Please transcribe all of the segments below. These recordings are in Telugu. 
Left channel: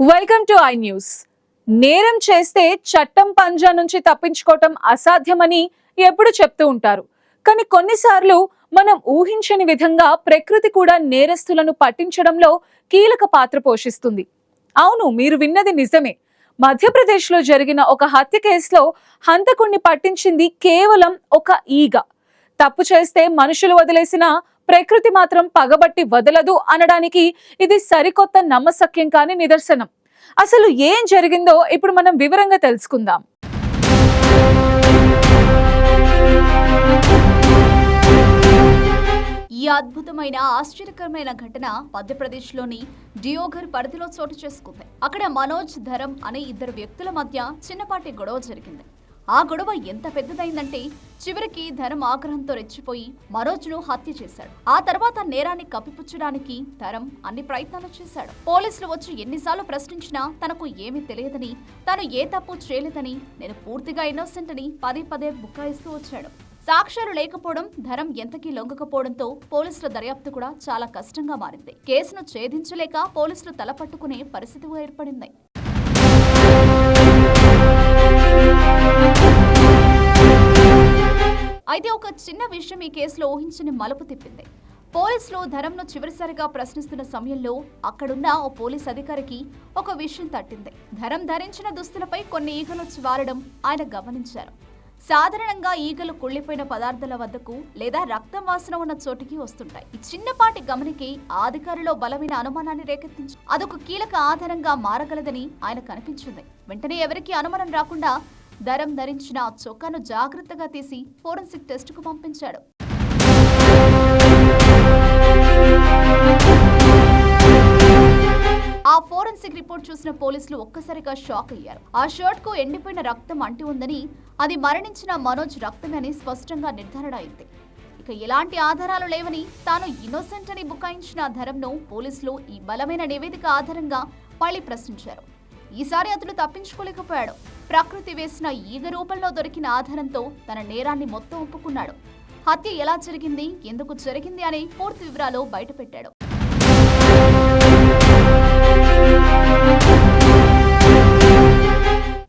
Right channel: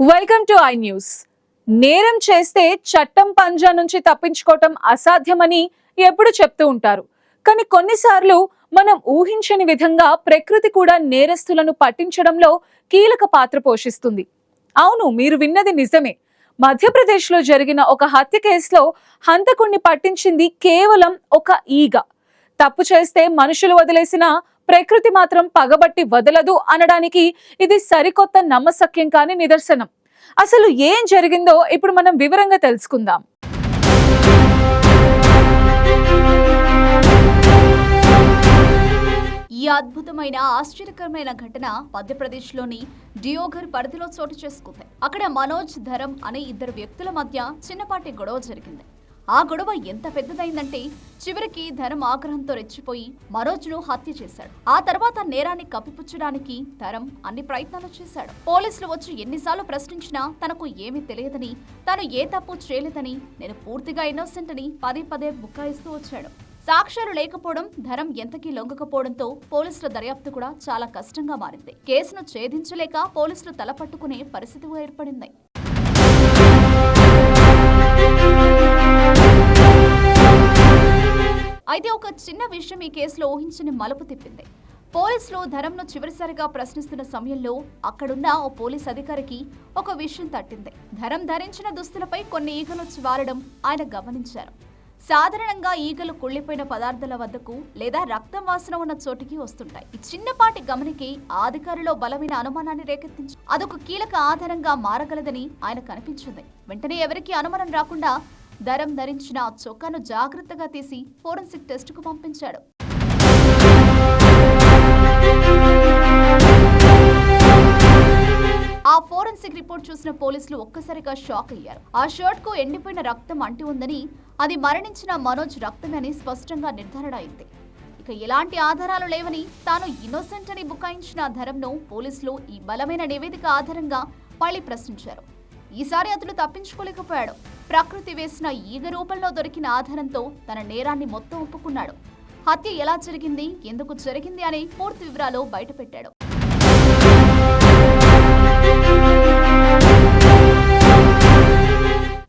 Welcome to I news. నేరం చేస్తే చట్టం పంజా నుంచి తప్పించుకోవటం అసాధ్యమని ఎప్పుడు చెప్తూ ఉంటారు. కానీ కొన్నిసార్లు మనం ఊహించని విధంగా ప్రకృతి కూడా నేరస్తులను పట్టించడంలో కీలక పాత్ర పోషిస్తుంది. అవును, మీరు విన్నది నిజమే. మధ్యప్రదేశ్లో జరిగిన ఒక హత్య కేసులో హంతకుణ్ణి పట్టించింది కేవలం ఒక ఈగ. తప్పు చేస్తే మనుషులు వదిలేసిన ప్రకృతి మాత్రం పగబట్టి వదలదు అనడానికి ఇది సరికొత్త నమ్మశక్యం కాని నిదర్శనం. అసలు ఏం జరిగిందో ఇప్పుడు మనం వివరంగా తెలుసుకుందాం. ఈ అద్భుతమైన ఆశ్చర్యకరమైన ఘటన మధ్యప్రదేశ్లోని డియోఘర్ పరిధిలో చోటు చేసుకుంది. అక్కడ మనోజ్, ధరమ్ అనే ఇద్దరు వ్యక్తుల మధ్య చిన్నపాటి గొడవ జరిగింది. ఆ గొడవ ఎంత పెద్దదైందంటే చివరికి ధరమ్ ఆగ్రహంతో రెచ్చిపోయి మనోజ్ను హత్య చేశాడు. ఆ తర్వాత నేరాన్ని కప్పిపుచ్చడానికి ధరమ్ అన్ని ప్రయత్నాలు చేశాడు. పోలీసులు వచ్చి ఎన్నిసార్లు ప్రశ్నించినా తనకు ఏమీ తెలియదని, తాను ఏ తప్పు చేయలేదని, నేను పూర్తిగా ఇన్నోసెంట్ అని పదే పదే బుకాయిస్తూ వచ్చాడు. సాక్ష్యాలు లేకపోవడం, ధరమ్ ఎంతకీ లొంగకపోవడంతో పోలీసుల దర్యాప్తు కూడా చాలా కష్టంగా మారింది. కేసును ఛేదించలేక పోలీసులు తలపట్టుకునే పరిస్థితి ఏర్పడింది. అయితే ఒక చిన్న విషయం ఈ కేసులో ఊహించని మలుపు తిప్పింది. పోలీసులు ధరమ్ను చివరిసారిగా ప్రశ్నిస్తున్న సమయంలో అక్కడున్న ఓ పోలీస్ అధికారికి ఒక విషయం తట్టింది. ధరమ్ ధరించిన దుస్తులపై కొన్ని ఈగలు వారడం ఆయన గమనించారు. సాధారణంగా ఈగలు కుళ్ళిపోయిన పదార్థాల వద్దకు లేదా రక్తం వాసన ఉన్న చోటికి వస్తుంటాయి. ఈ చిన్నపాటి గమనికి ఆ అధికారిలో బలమైన అనుమానాన్ని రేకెత్తించి అదొక కీలక ఆధారంగా మారగలదని ఆయన కనిపించింది. వెంటనే ఎవరికీ అనుమానం రాకుండా ధరమ్ ధరించిన ఆ చొక్కాను జాగ్రత్తగా తీసి ఫోరెన్సిక్ టెస్టుకు పంపించాడు. ఆ ఫోరెన్సిక్ రిపోర్ట్ చూసిన పోలీసులు ఒక్కసారిగా షాక్ అయ్యారు. ఆ షర్ట్ కు ఎండిపోయిన రక్తం అంటి ఉందని, అది మరణించిన మనోజ్ రక్తమే అని స్పష్టంగా నిర్ధారణ అయింది. ఇక ఎలాంటి ఆధారాలు లేవని, తాను ఇన్నోసెంట్ అని బుకాయించిన ధరమ్ను పోలీసులు ఈ బలమైన నివేదిక ఆధారంగా మళ్లీ ప్రశ్నించారు. ఈసారి అతను తప్పించుకోలేకపోయాడు. ప్రకృతి వేసిన ఈగ రూపంలో దొరికిన ఆధారంతో తన నేరాన్ని మొత్తం ఒప్పుకున్నాడు. హత్య ఎలా జరిగింది, ఎందుకు జరిగింది అనే పూర్తి వివరాలు బయటపెట్టాడు.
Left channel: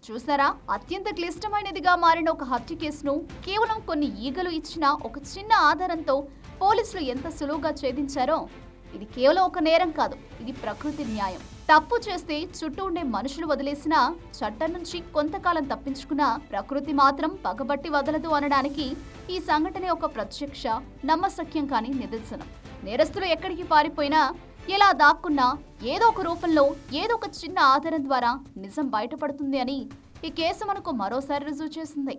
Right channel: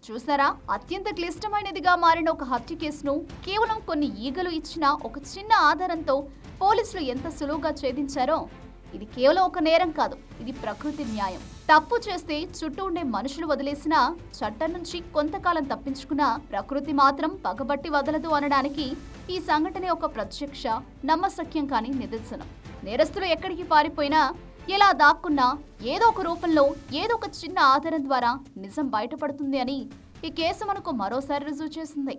చూసారా, అత్యంత క్లిష్టమైనదిగా మారిన ఒక హత్య కేసును కేవలం కొన్ని ఈగలు ఇచ్చిన ఒక చిన్న ఆధారంతో పోలీసులు ఎంత సులువుగా ఛేదించారో. ఇది కేవలం ఒక నేరం కాదు, ఇది ప్రకృతి న్యాయం. తప్పు చేస్తే చుట్టూ ఉండే మనుషులు వదిలేసినా, చట్టం నుంచి కొంతకాలం తప్పించుకున్నా ప్రకృతి మాత్రం పగబట్టి వదలదు అనడానికి ఈ సంఘటనే ఒక ప్రత్యక్ష నమ్మశక్యం కాని నిదర్శనం. నేరస్తులు ఎక్కడికి పారిపోయినా, ఎలా దాక్కున్నా ఏదో ఒక రూపంలో, ఏదో ఒక చిన్న ఆధారం ద్వారా నిజం బయటపడుతుంది అని ఈ కేసు మనకు మరోసారి రుజువు చేసింది.